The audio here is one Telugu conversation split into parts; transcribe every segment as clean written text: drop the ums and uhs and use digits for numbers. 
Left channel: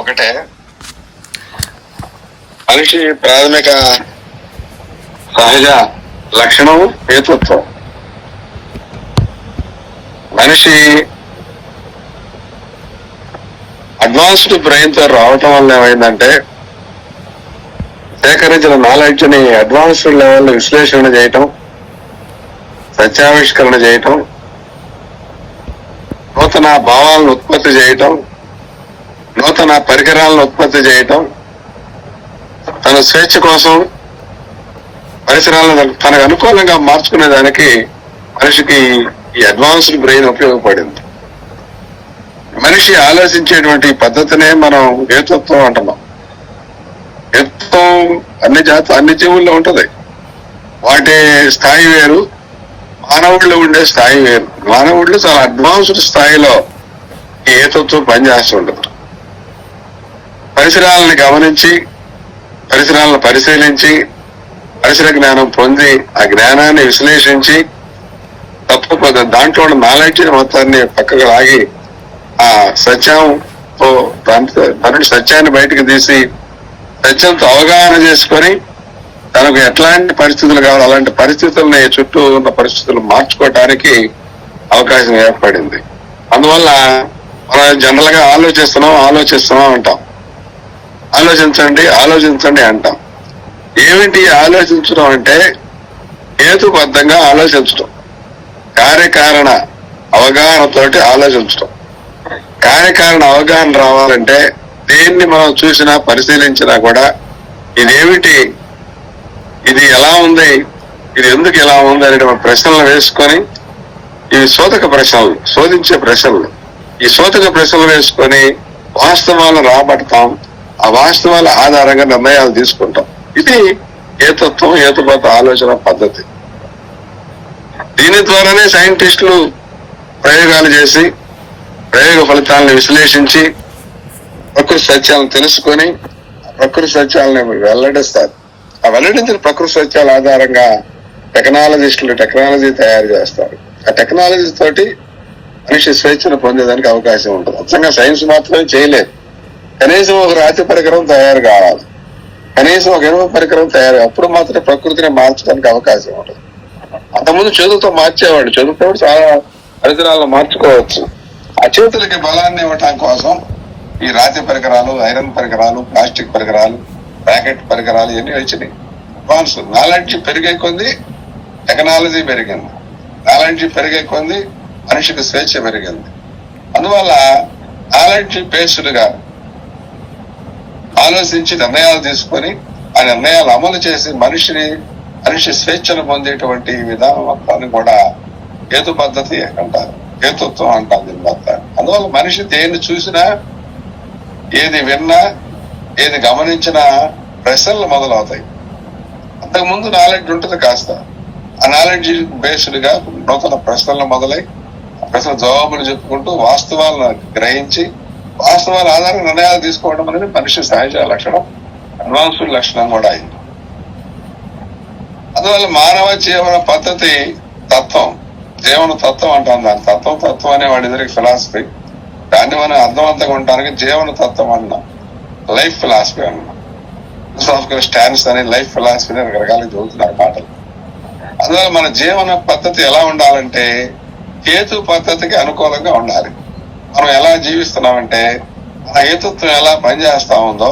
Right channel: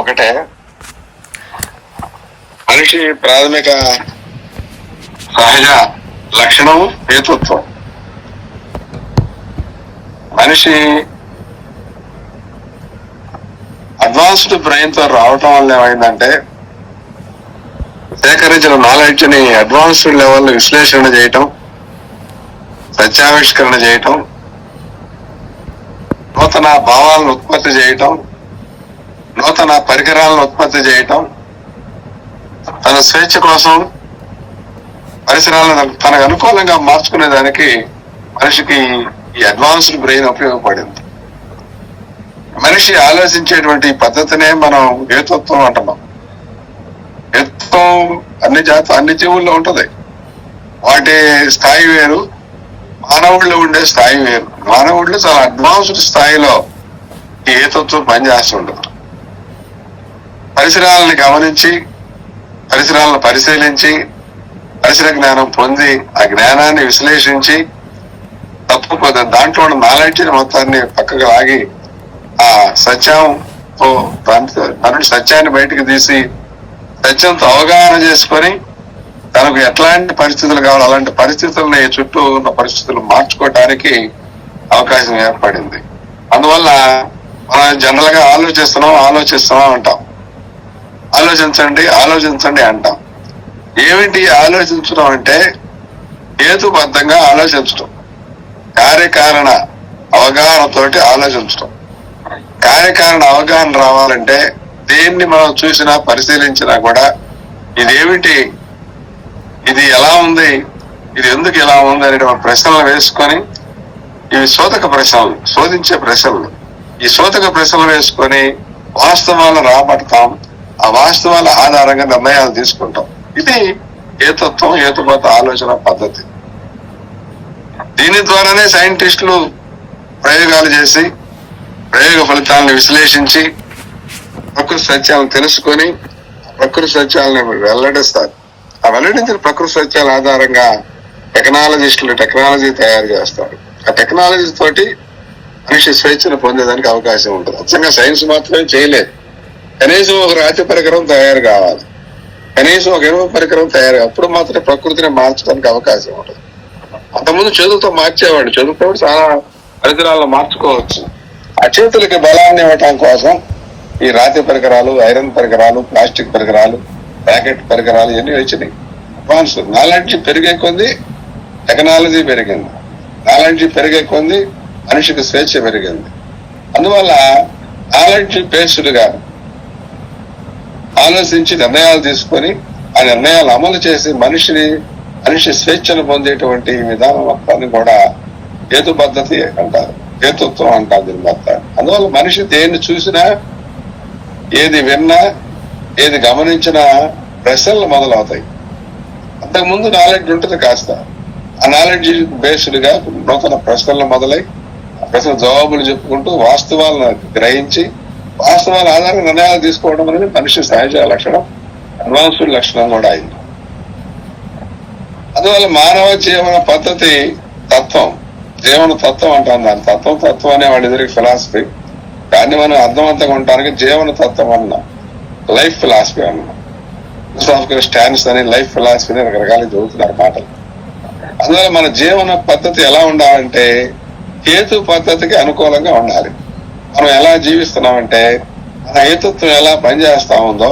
ఒకటే. మనిషి ప్రాథమిక సహజ లక్షణం హేతుత్వం. మనిషి అడ్వాన్స్డ్ బ్రెయిన్ తో రావటం వల్ల ఏమైందంటే, సేకరించిన నాలెడ్జ్ ని అడ్వాన్స్డ్ లెవెల్ విశ్లేషణ చేయటం, సత్యావిష్కరణ చేయటం, నూతన భావాలను ఉత్పత్తి చేయటం, నూతన పరికరాలను ఉత్పత్తి చేయటం, తన స్వేచ్ఛ కోసం పరిసరాలను తనకు అనుకూలంగా మార్చుకునే దానికి మనిషికి ఈ అడ్వాన్స్డ్ బ్రెయిన్ ఉపయోగపడింది. మనిషి ఆలోచించేటువంటి పద్ధతినే మనం హేతుత్వం అంటున్నాం. హేతుత్వం అన్ని జీవుల్లో ఉంటది. వాటి స్థాయి వేరు, మానవుళ్ళు ఉండే స్థాయి వేరు. మానవుళ్ళు చాలా అడ్వాన్స్డ్ స్థాయిలో ఈ హేతుత్వం పనిచేస్తుండదు. పరిసరాలను గమనించి, పరిసరాలను పరిశీలించి, పరిసర జ్ఞానం పొంది, ఆ జ్ఞానాన్ని విశ్లేషించి, దాంట్లో నాలెడ్జ్ మొత్తాన్ని పక్కకు లాగి ఆ సత్యంతో సత్యాన్ని బయటకు తీసి సత్యంతో అవగాహన చేసుకొని తనకు ఎట్లాంటి పరిస్థితులు కావాలి అలాంటి పరిస్థితుల్ని, చుట్టూ ఉన్న పరిస్థితులు మార్చుకోవటానికి అవకాశం ఏర్పడింది. అందువల్ల మనం జనరల్ గా ఆలోచిస్తున్నాం అంటాం. ఆలోచించండి అంటాం. ఏమిటి ఆలోచించడం అంటే హేతుబద్ధంగా ఆలోచించడం, కార్యకారణ అవగాహనతోటి ఆలోచించడం. కార్యకారణ అవగాహన రావాలంటే దేన్ని మనం చూసినా పరిశీలించినా కూడా ఇదేమిటి, ఇది ఎలా ఉంది, ఇది ఎందుకు ఇలా ఉంది అనే ప్రశ్నలు వేసుకొని, ఈ శోధించే ప్రశ్నలు, ఈ శోధక ప్రశ్నలు వేసుకొని వాస్తవాలను రాబడతాం. ఆ వాస్తవాల ఆధారంగా నిర్ణయాలు తీసుకుంటాం. ఇది హేతుత్వం, హేతుబద్ధ ఆలోచన పద్ధతి. దీని ద్వారానే సైంటిస్టులు ప్రయోగాలు చేసి ప్రయోగ ఫలితాలను విశ్లేషించి ప్రకృతి సత్యాలను తెలుసుకొని ప్రకృతి సత్యాలను వెల్లడిస్తారు. ఆ వెల్లడించిన ప్రకృతి సత్యాల ఆధారంగా టెక్నాలజీ తయారు చేస్తారు. ఆ టెక్నాలజీ తోటి మనిషి స్వేచ్ఛను పొందేదానికి అవకాశం ఉంటుంది. అచ్చంగా సైన్స్ మాత్రమే చేయలేదు. కనీసం ఒక రాతి పరికరం తయారు కావాలి, కనీసం ఒక ఇనుప పరికరం తయారు, అప్పుడు మాత్రం ప్రకృతిని మార్చడానికి అవకాశం ఉంటుంది. అంతకుముందు చేతులతో మార్చేవాడు, చేతులతో చాలా పరికరాలను మార్చుకోవచ్చు. ఆ చేతులకి బలాన్ని ఇవ్వటం కోసం ఈ రాతి పరికరాలు, ఐరన్ పరికరాలు, ప్లాస్టిక్ పరికరాలు, ప్యాకెట్ పరికరాలు ఇవన్నీ వచ్చినాయి. అడ్వాన్స్ నాలెడ్జ్ పెరిగే కొద్దీ టెక్నాలజీ పెరిగింది, నాలెడ్జ్ పెరిగే కొద్దీ మనిషికి స్వేచ్ఛ పెరిగింది. అందువల్ల నాలెడ్జ్ బేస్డ్ గా ఆలోచించి నిర్ణయాలు తీసుకొని ఆ నిర్ణయాలు అమలు చేసి మనిషి స్వేచ్ఛను పొందేటువంటి విధానం మొత్తాన్ని కూడా హేతు పద్ధతి అంటారు, హేతుత్వం అంటారు దీని మొత్తాన్ని. అందువల్ల మనిషి దేన్ని చూసినా, ఏది విన్నా, ఏది గమనించినా ప్రశ్నలు మొదలవుతాయి. అంతకుముందు నాలెడ్జ్ ఉంటుంది కాస్త. ఆ నాలెడ్జ్ బేస్డ్ గా నూతన ప్రశ్నలు మొదలై ఆ ప్రశ్న జవాబులు చెప్పుకుంటూ వాస్తవాలను గ్రహించి వాస్తవాల ఆధారంగా నిర్ణయాలు తీసుకోవడం అనేది మనిషి సహజ లక్షణం, అడ్వాన్స్డ్ లక్షణం కూడా అయింది. అందువల్ల మానవ జీవన పద్ధతి జీవన తత్వం అంటాం. దాని తత్వం అనే వాడి ఎదురికి ఫిలాసఫీ. దాన్ని మనం అర్థవంతంగా ఉండడానికి జీవన తత్వం అన్నాం, లైఫ్ ఫిలాసఫీ అన్నాం. ఫిలాసఫికల్ స్టాండ్స్ అని, లైఫ్ ఫిలాసఫీ అని రకరకాలుగా చదువుతున్నారు మాటలు. అందువల్ల మన జీవన పద్ధతి ఎలా ఉండాలంటే హేతు పద్ధతికి అనుకూలంగా ఉండాలి. మనం ఎలా జీవిస్తున్నామంటే మన హేతుత్వం ఎలా పనిచేస్తా ఉందో,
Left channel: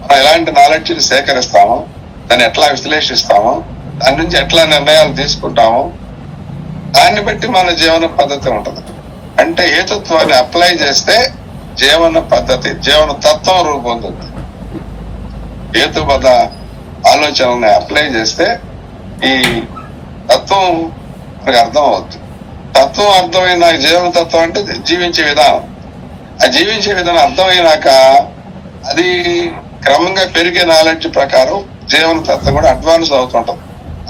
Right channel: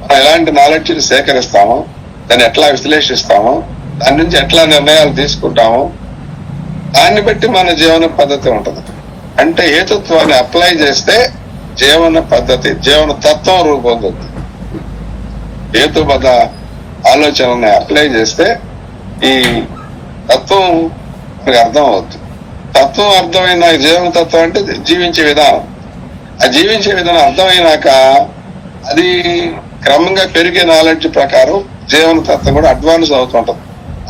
మనం ఎలాంటి నాలెడ్జ్ సేకరిస్తామో, దాన్ని ఎట్లా విశ్లేషిస్తామో, దాని నుంచి ఎట్లా నిర్ణయాలు తీసుకుంటామో దాన్ని బట్టి మన జీవన పద్ధతి ఉంటది. అంటే హేతుత్వాన్ని అప్లై చేస్తే జీవన పద్ధతి, జీవన తత్వం రూపొందుతుంది. హేతుబద్ధ ఆలోచనల్ని అప్లై చేస్తే ఈ తత్వం మనకు అర్థం అవుతుంది. తత్వం అర్థమైన జీవన తత్వం అంటే జీవించే విధానం. ఆ జీవించే విధానం అర్థమైనాక అది క్రమంగా పెరిగే నాలెడ్జ్ ప్రకారం జీవన తత్వం కూడా అడ్వాన్స్ అవుతుంటది.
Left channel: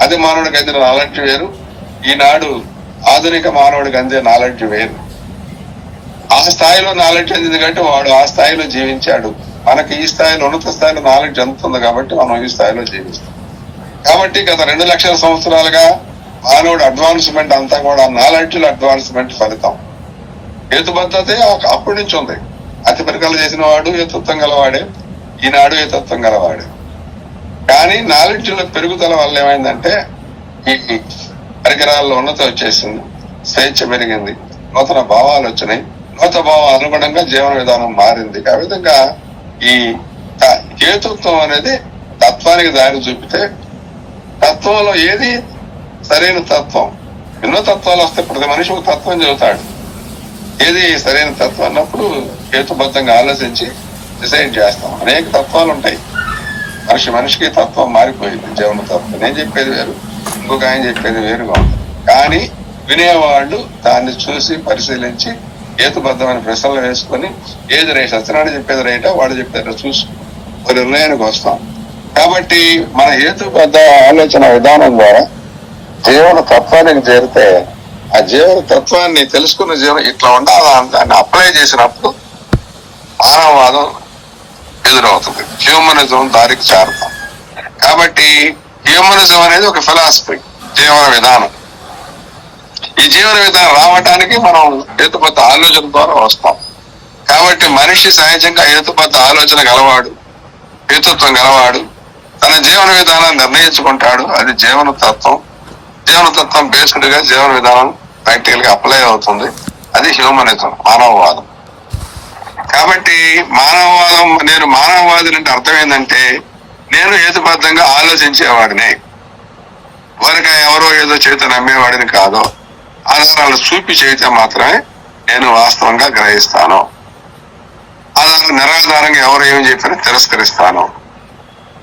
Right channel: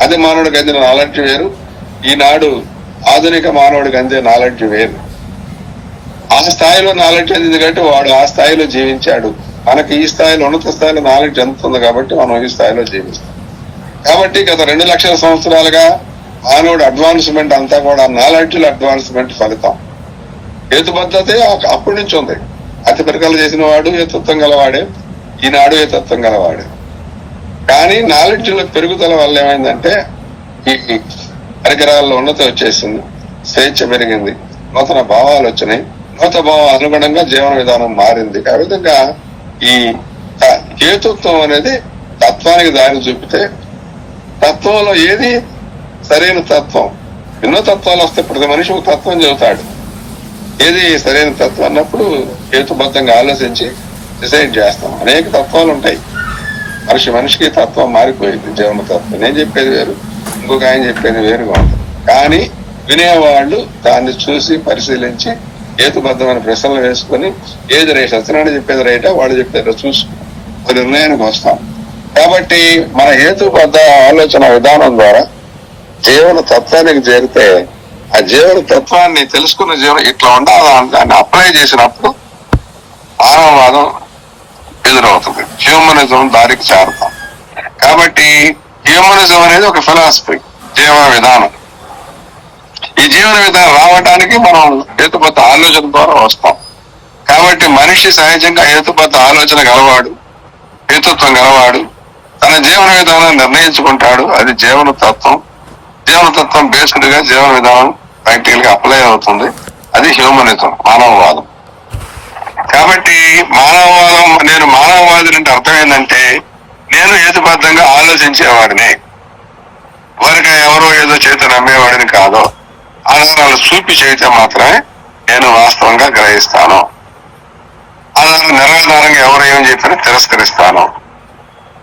అది మానవుడికి అందిన నాలెడ్జ్ వేరు, ఈనాడు ఆధునిక మానవుడికి అందే నాలెడ్జ్ వేరు. ఆ స్థాయిలో నాలెడ్జ్ అందింది కాబట్టి వాడు ఆ స్థాయిలో జీవించాడు. మనకి ఈ స్థాయిలో, ఉన్నత స్థాయిలో నాలెడ్జ్ ఎంత ఉంది కాబట్టి మనం ఈ స్థాయిలో జీవిస్తాం. కాబట్టి గత 2 లక్షల సంవత్సరాలుగా మానవుడు అడ్వాన్స్మెంట్ అంతా కూడా నాలెడ్జ్ అడ్వాన్స్మెంట్ ఫలితం. హేతు పద్ధతి అప్పటి నుంచి ఉంది. అతి పరికలు చేసిన వాడు ఏ తత్వం గలవాడే, ఈనాడు ఏ తత్వం గలవాడే. కానీ నాలెడ్జ్ లో పెరుగుదల వల్ల ఏమైందంటే ఈ పరికరాల్లో ఉన్నత వచ్చేసింది, స్వేచ్ఛ పెరిగింది, నూతన భావాలు వచ్చినాయి, నూతన భావం అనుగుణంగా జీవన విధానం మారింది. ఆ విధంగా ఈ హేతుత్వం అనేది తత్వానికి దారి చూపితే, తత్వంలో ఏది సరైన తత్వం, ఎన్నో తత్వాలు వస్తే ప్రతి మనిషి ఒక తత్వం చెబుతాడు, ఏది సరైన తత్వం అన్నప్పుడు హేతుబద్ధంగా ఆలోచించి డిసైడ్ చేస్తాం. అనేక తత్వాలు ఉంటాయి, మనిషికి తత్వం మారిపోయింది, జీవన తత్వం. నేను చెప్పేది వేరు, ఇంకొక ఆయన చెప్పేది వేరుగా ఉంటుంది. కానీ వినేవాళ్ళు దాన్ని చూసి పరిశీలించి హేతుబద్ధమైన ప్రశ్నలు వేసుకొని ఏది రైట్, సత్యనారాయణ చెప్పేది రైటా వాడు చెప్పేది చూసి ఒక నిర్ణయానికి వస్తాం. కాబట్టి మన హేతుబద్ధ ఆలోచన విధానం ద్వారా జీవన తత్వానికి చేరితే, ఆ జీవన తత్వాన్ని తెలుసుకున్న జీవనం ఇట్లా ఉండాలని దాన్ని అప్లై చేసినప్పుడు మానవవాదం ఎదురవుతుంది, హ్యూమనిజం దారికి చేరుతాం. కాబట్టి హ్యూమనిజం అనేది ఒక ఫిలాసఫీ, జీవన విధానం. ఈ జీవన విధానం రావడానికి మనం హేతుబద్ధ ఆలోచన ద్వారా వస్తాం. కాబట్టి మనిషి సహజంగా హేతుబద్ధ ఆలోచన గలవాడు, హేతుత్వం గలవాడు, తన జీవన విధానాన్ని నిర్ణయించుకుంటాడు. అది జీవన తత్వం. జీవన తత్వం బేస్డ్ గా జీవన విధానం ప్రాక్టికల్ గా అప్లై అవుతుంది. అది హ్యూమనిజం, మానవవాదం. కాబట్టి మానవవాదం, నేను మానవవాది అంటే అర్థం ఏంటంటే నేను హేతుబద్ధంగా ఆలోచించేవాడిని, వారికి ఎవరో ఏదో చేత నమ్మేవాడిని కాదు. ఆధారాలు చూపి చేస్తే మాత్రమే నేను వాస్తవంగా గ్రహిస్తాను. ఆధారం నిరాధారంగా ఎవరు ఏమి చెప్పినా తిరస్కరిస్తాను.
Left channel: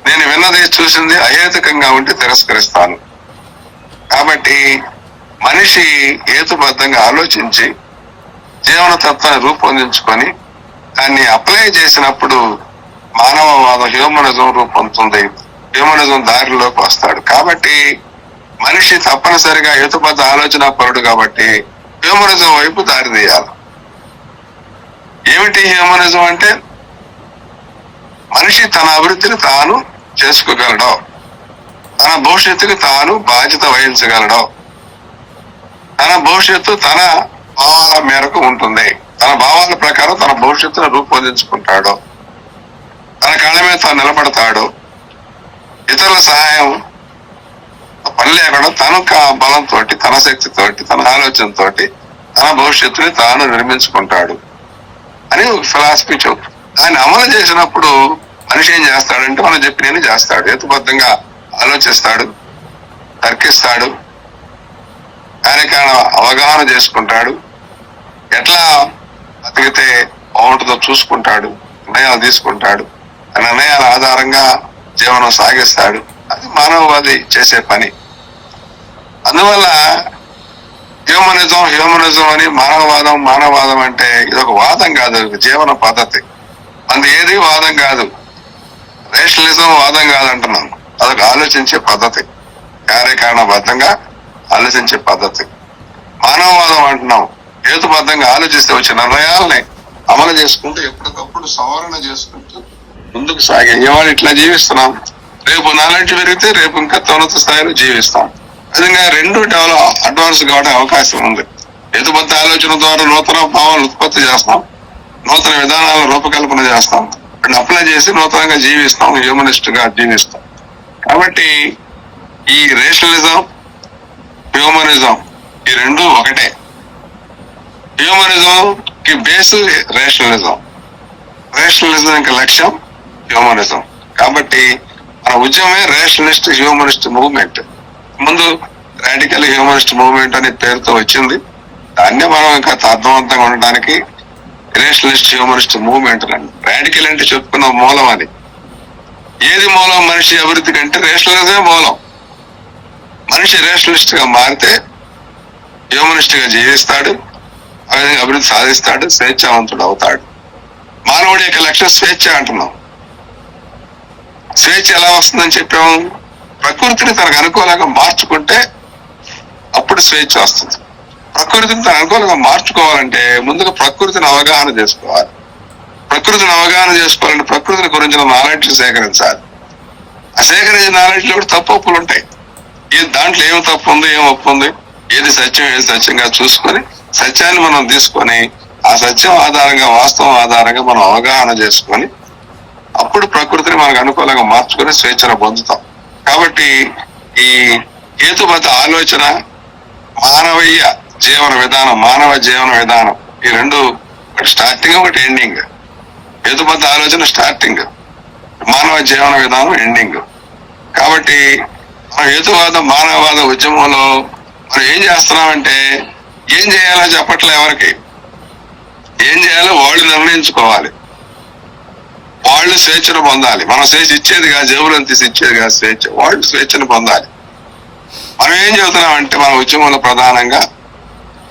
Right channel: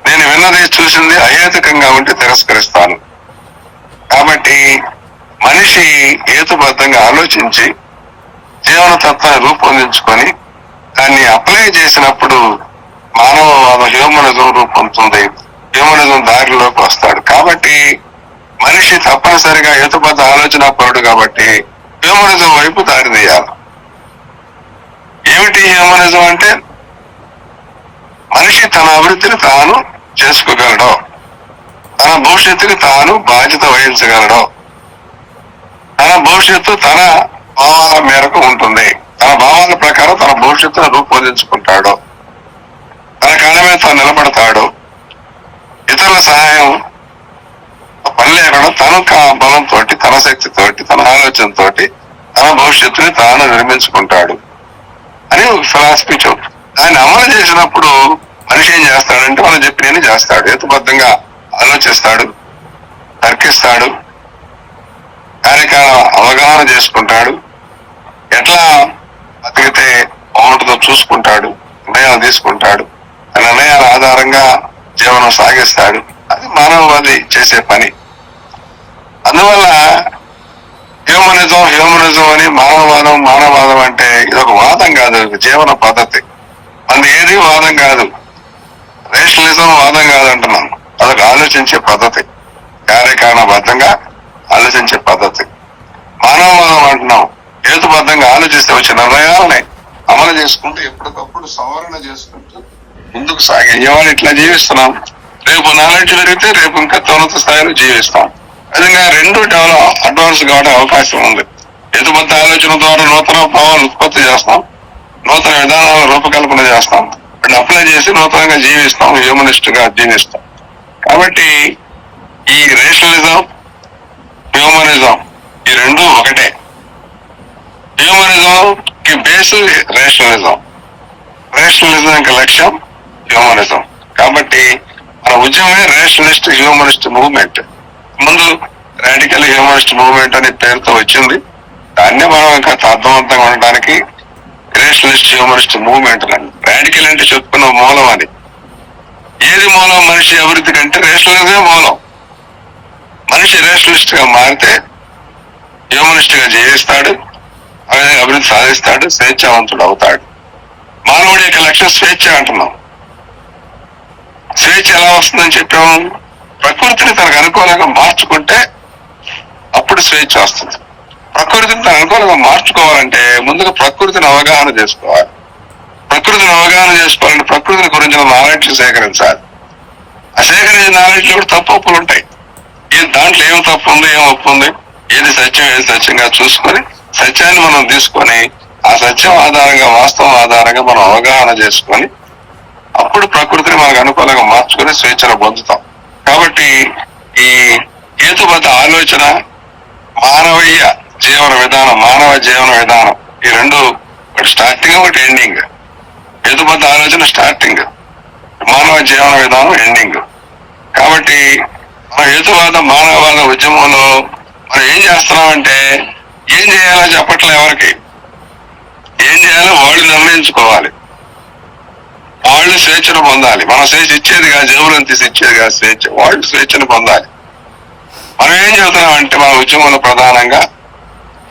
నేను విన్నది చూసింది అహేతుకంగా ఉంటే తిరస్కరిస్తాను. కాబట్టి మనిషి హేతుబద్ధంగా ఆలోచించి జీవన తత్వాన్ని రూపొందించుకొని దాన్ని అప్లై చేసినప్పుడు మానవవాదం, హ్యూమనిజం రూపొందుతుంది, హ్యూమనిజం దారిలోకి వస్తాడు. కాబట్టి మనిషి తప్పనిసరిగా హేతుబద్ధ ఆలోచన పరుడు కాబట్టి హ్యూమనిజం వైపు దారి తీయాలి. ఏమిటి హ్యూమనిజం అంటే? మనిషి తన అభివృద్ధిని తాను చేసుకోగలడు, తన భవిష్యత్తుకి తాను బాధ్యత వహించగలడు, తన భవిష్యత్తు తన భావాల మేరకు ఉంటుంది, తన భావాల ప్రకారం తన భవిష్యత్తును రూపొందించుకుంటాడు, తన కాళ్ళ మీద తాను నిలబడతాడు, ఇతరుల సహాయం పని లేకుండా తను బలంతో, తన శక్తితోటి, తన ఆలోచనతోటి తన భవిష్యత్తుని తాను నిర్మించుకుంటాడు అని ఒక ఫిలాసఫీ చెబుతుంది. దాన్ని అమలు చేసినప్పుడు మనిషి ఏం చేస్తాడంటే మనం చెప్పినని చేస్తాడు, హేతుబద్ధంగా ఆలోచిస్తాడు, తర్కిస్తాడు, కార్యకాల అవగాహన చేసుకుంటాడు, ఎట్లా బతికితే బాగుంటుందో చూసుకుంటాడు, నిర్ణయాలు తీసుకుంటాడు, ఆ నిర్ణయాల ఆధారంగా జీవనం సాగిస్తాడు. అది మానవవాది చేసే పని. అందువల్ల హ్యూమనిజం అని మానవవాదం అంటే ఇదొక వాదం కాదు, జీవన పద్ధతి. అది ఏది వాదం కాదు, రేషనలిజం వాదం కాదు అంటున్నాం. అదొక ఆలోచించే పద్ధతి, కార్యకారణబద్ధంగా ఆలోచించే పద్ధతి. మానవవాదం అంటున్నాం, హేతుబద్ధంగా ఆలోచిస్తే వచ్చే నిర్ణయాలని అమలు చేసుకుంటూ ఎప్పటికప్పుడు సవరణ చేసుకుంటూ ముందుకు సాగే. ఇవాళ ఇట్లా జీవిస్తున్నాం, రేపు నాలెడ్జ్ పెరిగితే రేపు ఇంకా ఉన్నత స్థాయిలో జీవిస్తాం. విధంగా రెండు అడ్వాన్స్ కావడం అవకాశం ఉంది. హేతుబద్ధ ఆలోచన ద్వారా నూతన భావాలు ఉత్పత్తి చేస్తాం, నూతన విధానాలను రూపకల్పన చేస్తాం, వాటిని అప్లై చేసి నూతనంగా జీవిస్తాం, హ్యూమనిస్ట్ గా జీవిస్తాం. కాబట్టి ఈ రేషనలిజం, హ్యూమనిజం ఈ రెండు ఒకటే. హ్యూమనిజం కి బేస్ రేషనలిజం, రేషనలిజం కి లక్ష్యం హ్యూమనిజం. కాబట్టి మన ఉద్యమమే రేషనలిస్ట్ హ్యూమనిస్ట్ మూవ్మెంట్. ముందు రాడికల్ హ్యూమనిస్ట్ మూవ్మెంట్ అనే పేరుతో వచ్చింది, దాన్ని మనం ఇంకా అర్థవంతంగా ఉండడానికి రేషనలిస్ట్ హ్యూమనిస్ట్ మూవ్మెంట్ అండి. రాడికల్ అంటే చెప్పుకున్న మూలం, అది ఏది మూలం? మనిషి అభివృద్ధి కంటే రేషనలిజమే మూలం. మనిషి రేషనలిస్ట్ గా మారితే హ్యూమనిస్ట్ గా జీవిస్తాడు, అభివృద్ధి సాధిస్తాడు, స్వేచ్ఛావంతుడు అవుతాడు. మానవుడి యొక్క లక్ష్యం స్వేచ్ఛ అంటున్నాం. స్వేచ్ఛ ఎలా వస్తుందని చెప్పాము? ప్రకృతిని తనకు అనుకూలంగా మార్చుకుంటే అప్పుడు స్వేచ్ఛ వస్తుంది. ప్రకృతిని తనకు అనుకూలంగా మార్చుకోవాలంటే ముందుగా ప్రకృతిని అవగాహన చేసుకోవాలి. ప్రకృతిని అవగాహన చేసుకోవాలంటే ప్రకృతిని గురించిన నాలెడ్జ్ సేకరించాలి. ఆ సేకరించిన నాలెడ్జ్ లో కూడా తప్పు ఒప్పులు ఉంటాయి. దాంట్లో ఏం తప్పు ఉంది, ఏం ఒప్పు ఉంది, ఏది సత్యం, ఏది సత్యంగా చూసుకొని సత్యాన్ని మనం తీసుకొని ఆ సత్యం ఆధారంగా, వాస్తవం ఆధారంగా మనం అవగాహన చేసుకొని అప్పుడు ప్రకృతిని మనకు అనుకూలంగా మార్చుకొని స్వేచ్ఛను పొందుతాం. కాబట్టి ఈ హేతుబద్ధ ఆలోచన, మానవీయ జీవన విధానం, మానవ జీవన విధానం, ఈ రెండు ఒకటి స్టార్టింగ్, ఒకటి ఎండింగ్. హేతుబద్ధ ఆలోచన స్టార్టింగ్, మానవ జీవన విధానం ఎండింగ్. కాబట్టి మన హేతువాద మానవవాద ఉద్యమంలో మనం ఏం చేస్తున్నామంటే ఏం చేయాలో చెప్పట్లే ఎవరికి. ఏం చేయాలో వాళ్ళు నిర్ణయించుకోవాలి, వాళ్ళు స్వేచ్ఛను పొందాలి. మనం స్వేచ్ఛ ఇచ్చేది కాదు, జేబులను తీసి ఇచ్చేది కాదు స్వేచ్ఛ, వాళ్ళు స్వేచ్ఛను పొందాలి. మనం ఏం చెబుతున్నామంటే మన ఉద్యమంలో ప్రధానంగా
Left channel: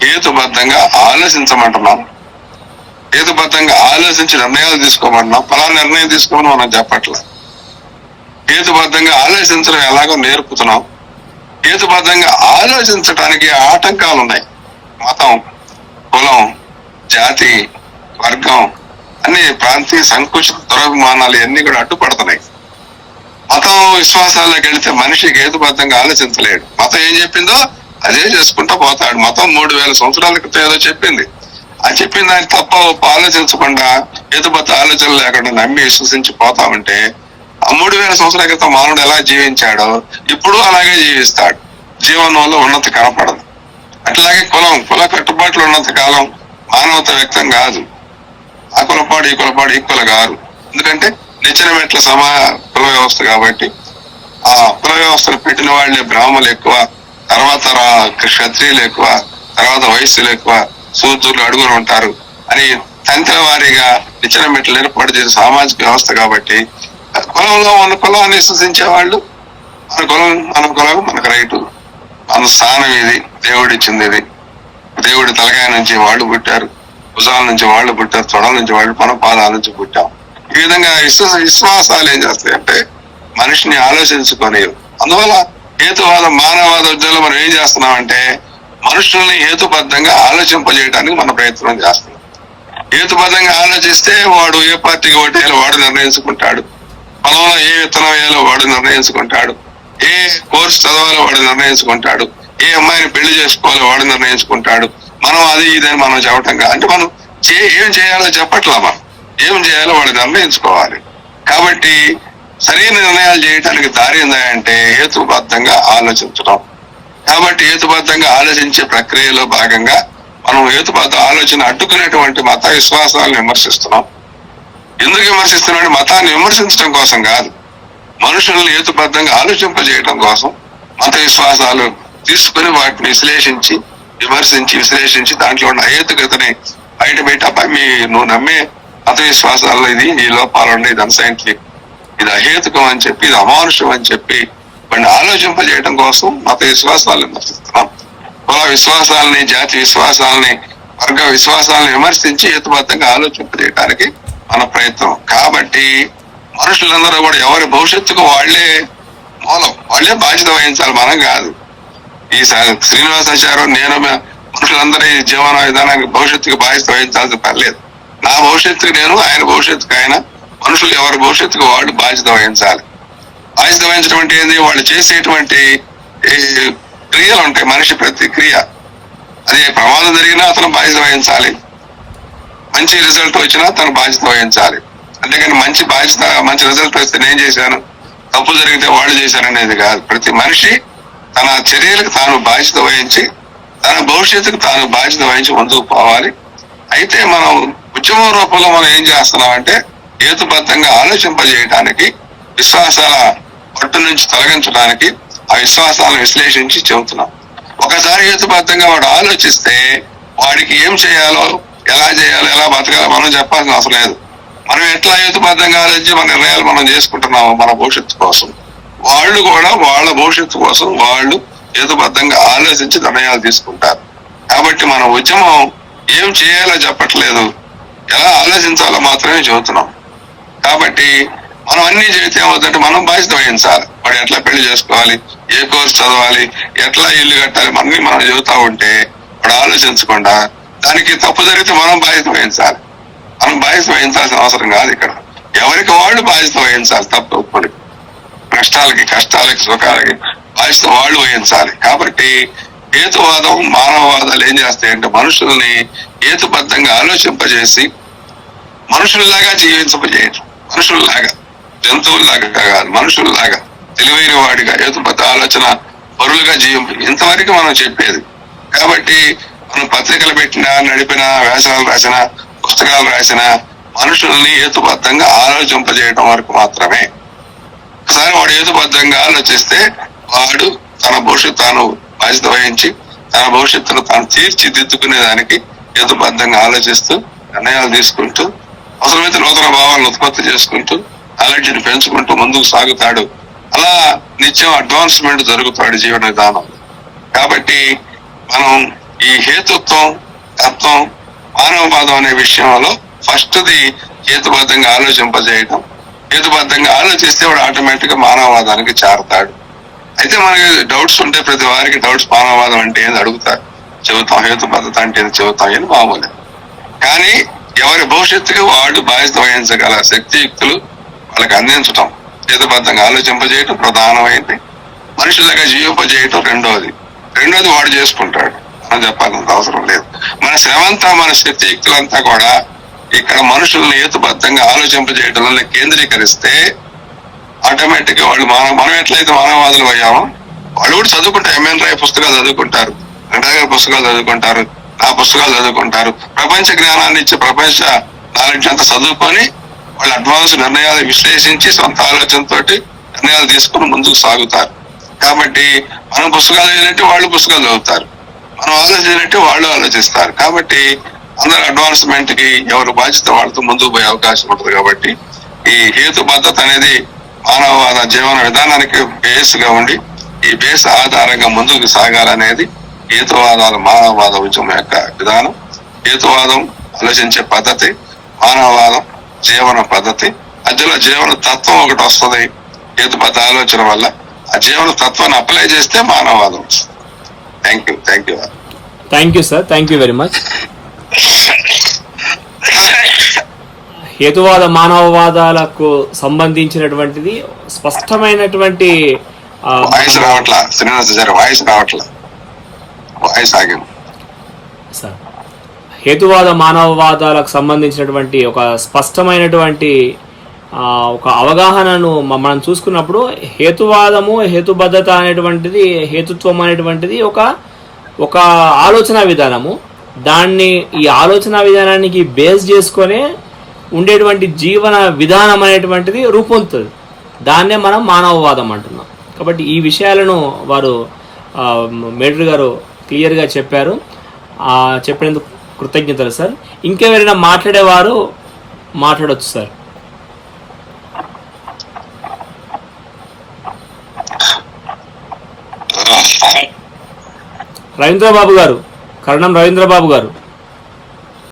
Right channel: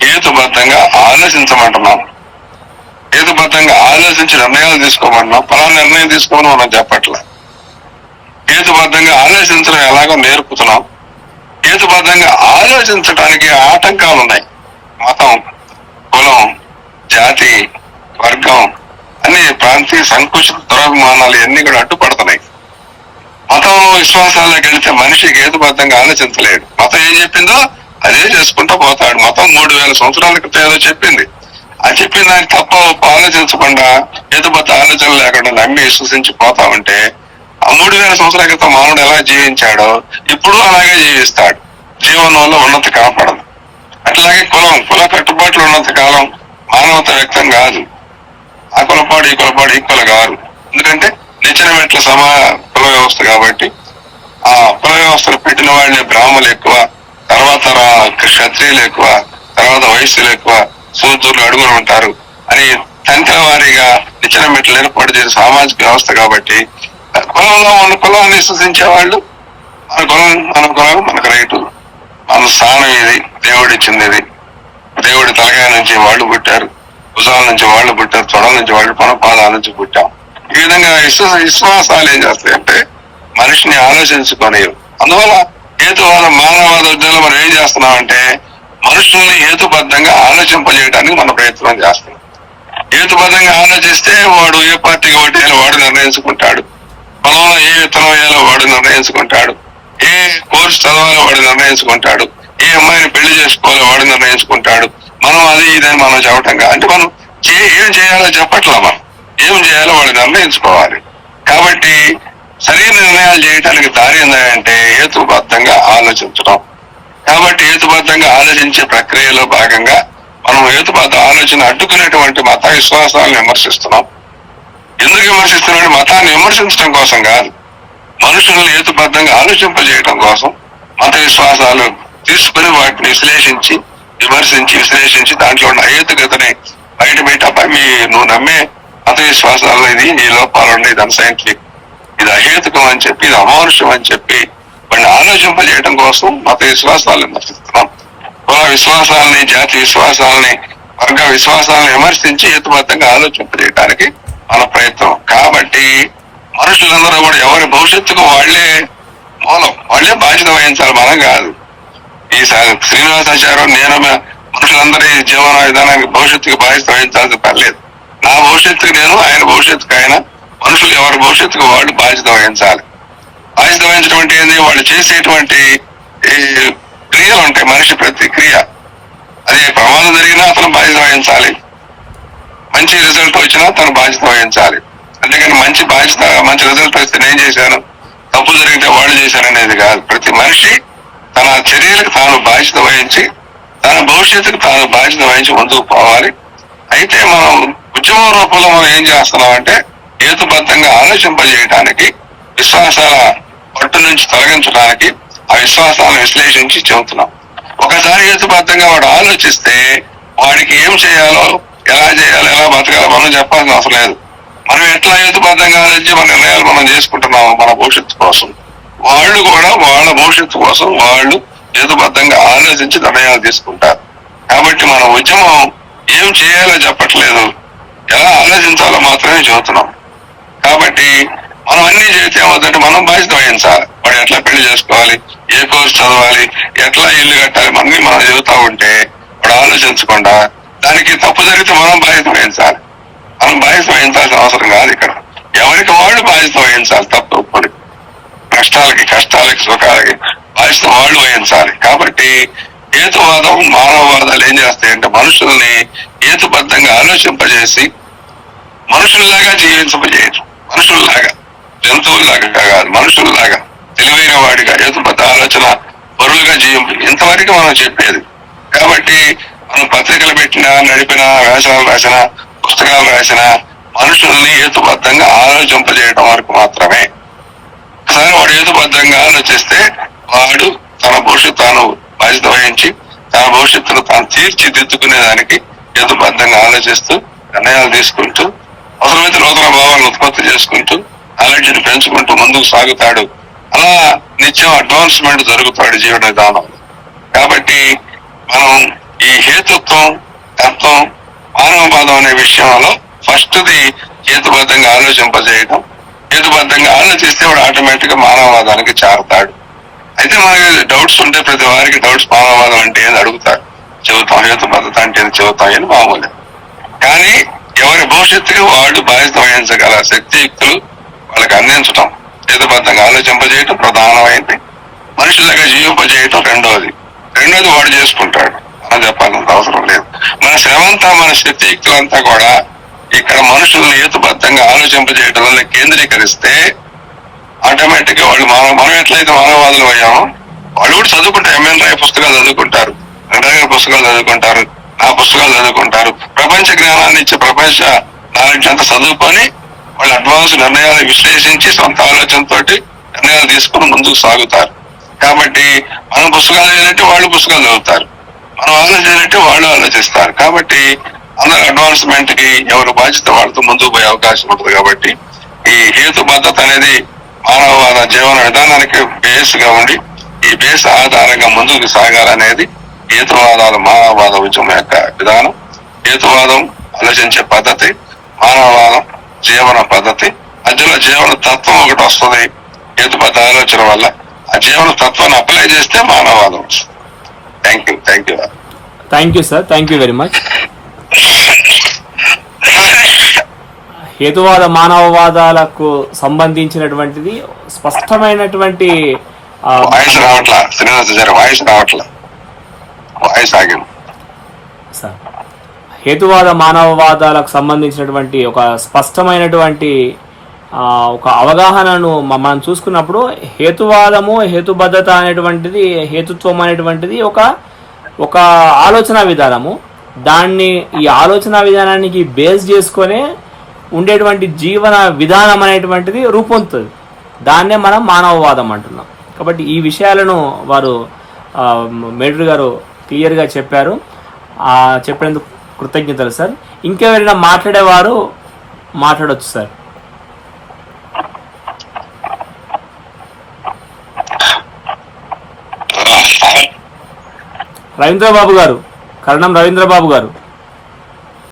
హేతుబద్ధంగా ఆలోచించమంటున్నాం, హేతుబద్ధంగా ఆలోచించి నిర్ణయాలు తీసుకోమంటున్నాం. ఫలానా నిర్ణయం తీసుకోమని మనం చెప్పట్లే. హేతుబద్ధంగా ఆలోచించడం ఎలాగో నేర్పుతున్నాం. హేతుబద్ధంగా ఆలోచించడానికి ఆటంకాలు ఉన్నాయి. మతం, కులం, జాతి, వర్గం, అన్ని ప్రాంతీయ సంకుచిత దురభిమానాలు ఇవన్నీ కూడా అడ్డుపడుతున్నాయి. మతం విశ్వాసాల్లోకి వెళితే మనిషికి హేతుబద్ధంగా ఆలోచించలేడు. మతం ఏం చెప్పిందో అదే చేసుకుంటూ పోతాడు. మతం 3000 సంవత్సరాల క్రితం ఏదో చెప్పింది, ఆ చెప్పిన దానికి తప్ప ఆలోచించకుండా హేతుబద్ధ ఆలోచన లేకుండా నమ్మి విశ్వసించి పోతా ఉంటే ఆ 3000 సంవత్సరాల క్రితం మానవుడు ఎలా జీవించాడో ఇప్పుడు అలాగే జీవిస్తాడు. జీవనంలో ఉన్నతి కనపడదు. అట్లాగే కుల కట్టుబాట్లు ఉన్నంత కాలం మానవత వ్యక్తం కాదు. ఆ కులపాడు ఈ కులపాడు ఈక్వల్ కాదు. ఎందుకంటే నిచ్చెన మెట్ల కుల వ్యవస్థ కాబట్టి ఆ కుల వ్యవస్థను పెట్టిన వాళ్ళే బ్రాహ్మణులు ఎక్కువ, తర్వాత క్షత్రియులు ఎక్కువ, తర్వాత వైశ్యులు ఎక్కువ, శూద్రులు అడుగులు ఉంటారు అని తంత్ర వారీగా నిచ్చెన మెట్లు ఏర్పాటు చేసే సామాజిక వ్యవస్థ కాబట్టి కులంలో ఉన్న కులాన్ని విశ్వసించే వాళ్ళు మన కులం మనకు రైటు, మన స్థానం ఇది, దేవుడిచ్చింది ఇది, దేవుడి తలకాయ నుంచి వాళ్ళు పుట్టారు, భుజాల నుంచి వాళ్ళు పుట్టారు, తొడల నుంచి వాళ్ళు, మన పాదాల నుంచి పుట్టాం. ఈ విధంగా విశ్వాసాలు ఏం చేస్తాయంటే మనిషిని ఆలోచించుకొని, అందువల్ల హేతువాద మానవవాద ఉద్యమంలో మనం ఏం చేస్తున్నామంటే మనుషుల్ని హేతుబద్ధంగా ఆలోచింపజేయడానికి మన ప్రయత్నం చేస్తున్నాం. హేతుబద్ధంగా ఆలోచిస్తే వాడు ఏ పార్టీకి ఓటేయాలో వాడు నిర్ణయించుకుంటాడు, పొలంలో ఏ విత్తనం వేయాలో వాడు నిర్ణయించుకుంటాడు, ఏ కోర్సు చదవాలో వాడు నిర్ణయించుకుంటాడు, ఏ అమ్మాయిని పెళ్లి చేసుకోవాలో వాడు నిర్ణయించుకుంటాడు. మనం అది ఇదని మనం చెప్పటం కాదు. అంటే మనం ఏం చేయాలో చెప్పట్లా, మనం ఏం చేయాలో వాడు నిర్ణయించుకోవాలి. కాబట్టి సరైన నిర్ణయాలు చేయడానికి దారి ఏందంటే హేతుబద్ధంగా ఆలోచించడం. కాబట్టి హేతుబద్ధంగా ఆలోచించే ప్రక్రియలో భాగంగా మనం హేతుబద్ధ ఆలోచన అడ్డుకునేటువంటి మత విశ్వాసాలను విమర్శిస్తున్నాం. ఎందుకు విమర్శిస్తున్నాడు? మతాన్ని విమర్శించడం కోసం కాదు, మనుషులను హేతుబద్ధంగా ఆలోచింపజేయడం కోసం మత విశ్వాసాలు తీసుకుని వాటిని విశ్లేషించి దాంట్లో ఉన్న అహేతుకతని బయట నువ్వు నమ్మే మత విశ్వాసాల్లో ఇది ఈ లోపాలు ఉన్నాయి, ఇది అన్సైంటిఫిక్, ఇది అహేతుకం అని చెప్పి, ఇది అమానుషం అని చెప్పి వాడిని ఆలోచింపజేయడం కోసం మత విశ్వాసాలను విమర్శిస్తున్నాం. కుల విశ్వాసాలని, జాతి విశ్వాసాలని, వర్గ విశ్వాసాలను విమర్శించి హేతుబద్ధంగా ఆలోచింపజేయడానికి మన ప్రయత్నం. కాబట్టి మనుషులందరూ కూడా ఎవరి భవిష్యత్తుకు వాళ్లే మూలం, వాళ్లే బాధ్యత వహించాలి, మనం కాదు. ఈ శ్రీనివాసాచార్యం నేను మనుషులందరి జీవన విధానానికి భవిష్యత్తుకి బాధ్యత వహించాల్సిన పర్లేదు. నా భవిష్యత్తుకు నేను, ఆయన భవిష్యత్తుకు ఆయన, మనుషులు ఎవరి భవిష్యత్తుకు వాళ్ళు బాధ్యత వహించాలి. బాధ్యత వహించడం అంటే ఏంది? వాళ్ళు చేసేటువంటి క్రియలు ఉంటాయి, మనిషి ప్రతి క్రియ, అదే ప్రమాదం జరిగినా అతను బాధ్యత వహించాలి, మంచి రిజల్ట్ వచ్చినా తను బాధ్యత వహించాలి. అంతేకాని మంచి రిజల్ట్ వస్తే నేను చేశాను, తప్పు జరిగితే వాళ్ళు చేశాను అనేది కాదు. ప్రతి మనిషి తన చర్యలకు తాను బాధ్యత వహించి తన భవిష్యత్తుకు తాను బాధ్యత వహించి ముందుకు పోవాలి. అయితే మనం ఉద్యమం రూపంలో మనం ఏం చేస్తున్నామంటే హేతుబద్ధంగా ఆలోచింపజేయడానికి, విశ్వాసాల పట్టు నుంచి తొలగించడానికి ఆ విశ్వాసాలను విశ్లేషించి చెబుతున్నాం. ఒకసారి హేతుబద్ధంగా వాడు ఆలోచిస్తే వాడికి ఏం చేయాలో, ఎలా చేయాలో, ఎలా బతకాలో మనం చెప్పాల్సిన అవసరం లేదు. మనం ఎట్లా హేతుబద్ధంగా ఆలోచించి మన నిర్ణయాలు మనం చేసుకుంటున్నాము మన భవిష్యత్తు కోసం, వాళ్ళు కూడా వాళ్ళ భవిష్యత్తు కోసం వాళ్ళు హేతుబద్ధంగా ఆలోచించి నిర్ణయాలు తీసుకుంటారు. కాబట్టి మన ఉద్యమం ఏం చేయాలో చెప్పట్లేదు, ఎలా ఆలోచించాలో మాత్రమే చెబుతున్నాం. కాబట్టి మనం అన్ని చేస్తే ఏమవుతుందంటే మనం బాధ్యత వహించాలి. వాడు ఎట్లా పెళ్లి చేసుకోవాలి, ఏ కోర్సు చదవాలి, ఎట్లా ఇల్లు కట్టాలి, అన్ని మనం చెబుతా ఉంటే వాడు ఆలోచించకుండా దానికి తప్పు జరిగితే మనం బాధ్యత వహించాలి. మనం బాధ్యత వహించాల్సిన అవసరం కాదు. ఇక్కడ ఎవరికి వాళ్ళు బాధ్యత వహించాలి. తప్పు ఒప్పుకొని కష్టాలకి, సుఖాలకి బాధ్యత వాళ్ళు వహించాలి. కాబట్టి హేతువాదం మానవవాదాలు ఏం చేస్తాయంటే మనుషుల్ని హేతుబద్ధంగా ఆలోచింపజేసి మనుషుల్లాగా జీవించబోయేది. మనుషుల్లాగా, జంతువుల్లాగా కాదు, మనుషుల్లాగా తెలివైన వాడిగా హేతుబద్ధ ఆలోచన పరులుగా ఇంతవరకు మనం చెప్పేది. కాబట్టి మనం పత్రికలు పెట్టినా, నడిపినా, వ్యాసాలు రాసినా, పుస్తకాలు రాసినా మనుషుల్ని హేతుబద్ధంగా ఆలోచింపజేయడం వరకు మాత్రమే. ఒకసారి వాడు హేతుబద్ధంగా ఆలోచిస్తే వాడు తన భవిష్యత్తు తాను బాధ్యత వహించి తన భవిష్యత్తును తాను తీర్చిదిద్దుకునేదానికి హేతుబద్ధంగా ఆలోచిస్తూ నిర్ణయాలు తీసుకుంటూ అవసరమైతే నూతన భావాలను ఉత్పత్తి చేసుకుంటూ నాలెడ్జిని పెంచుకుంటూ ముందుకు సాగుతాడు. అలా నిత్యం అడ్వాన్స్మెంట్ జరుగుతాడు జీవన విధానం. కాబట్టి మనం ఈ హేతుత్వం, తత్వం, మానవవాదం అనే విషయంలో ఫస్ట్ది హేతుబద్ధంగా ఆలోచింపజేయటం. హేతుబద్ధంగా ఆలోచిస్తే వాడు ఆటోమేటిక్ గా మానవవాదానికి చేరతాడు. అయితే మనకి డౌట్స్ ఉంటే ప్రతి వారికి డౌట్స్ మానవవాదం అంటే ఏది అడుగుతారు, చెబుతాం. హేతుబద్ధత అంటే చెబుతాం అని మామూలు. కానీ ఎవరి భవిష్యత్తుకి వాళ్ళు బాధ్యత వహించగల శక్తియుక్తులు వాళ్ళకి అందించటం, హేతుబద్ధంగా ఆలోచింపజేయటం ప్రధానమైంది. మనుషులుగా జీవింపజేయటం రెండోది వాడు చేసుకుంటాడు. మనం చెప్పాల్సినంత అవసరం లేదు. మన శ్రమంతా, మన శక్తియుక్తులంతా కూడా ఇక్కడ మనుషుల్ని హేతుబద్ధంగా ఆలోచింపజేయటంలో కేంద్రీకరిస్తే ఆటోమేటిక్ గా వాళ్ళు మనం ఎట్లయితే మానవవాదులు అయ్యామో వాళ్ళు కూడా చదువుకుంటారు. ఎంఎన్ రాయ్ పుస్తకాలు చదువుకుంటారు, వెంకటగారి పుస్తకాలు చదువుకుంటారు, నా పుస్తకాలు చదువుకుంటారు. ప్రపంచ జ్ఞానాన్ని ఇచ్చి ప్రపంచ నాలెడ్జ్ అంతా చదువుకొని వాళ్ళు అడ్వాన్స్ నిర్ణయాలు విశ్లేషించి సొంత ఆలోచనతో నిర్ణయాలు తీసుకుని ముందుకు సాగుతారు. కాబట్టి మనం పుస్తకాలు చదివినట్టు వాళ్ళు పుస్తకాలు చదువుతారు, మనం ఆలోచించినట్టు వాళ్ళు ఆలోచిస్తారు. కాబట్టి అందరు అడ్వాన్స్మెంట్ కి ఎవరు బాధ్యత వాళ్ళతో ముందుకు పోయే అవకాశం ఉంటుంది. కాబట్టి ఈ హేతుబద్ధత అనేది మానవవాద జీవన విధానానికి బేస్ గా ఉండి ఈ బేస్ ఆధారంగా ముందుకు సాగాలనేది హేతువాదాలు మానవవాద ఉద్యమం యొక్క విధానం. హేతువాదం ఆలోచించే పద్ధతి, మానవవాదం జీవన పద్ధతి. మధ్యలో జీవన తత్వం ఒకటి వస్తుంది హేతుబద్ధ ఆలోచన వల్ల. ఆ జీవన తత్వాన్ని అప్లై చేస్తే మానవవాదం వస్తుంది. Thank you sir, thank you very much. హేతువాద మానవవాదాలకు సంబంధించినటువంటిది స్పష్టమైనటువంటి హేతువాద మానవవాదాలకు సంబంధించినటువంటి ఒక స్పష్టమైనటువంటి ఒక అవగాహనను మనం చూసుకున్నప్పుడు హేతువాదము, హేతుబద్ధత అనేటువంటిది, హేతుత్వం అనేటువంటిది ఒక ఆలోచన విధానము. దాన్ని ఈ ఆలోచన విధానానికి బేస్ చేసుకొనే ఉండేటువంటి జీవన విధానం అనేటువంటిది రూపొందుతుంది. దాన్నే మనం మానవవాదం అంటున్నాం. కాబట్టి ఈ విషయాలను వారు మేటర్ గారు క్లియర్గా చెప్పారు. చెప్పినందుకు కృతజ్ఞతలు సార్. ఇంకెవరైనా మాట్లాడేవారు మాట్లాడవచ్చు సార్. రవీంద్రబాబు గారు, కరణం రవీంద్రబాబు గారు.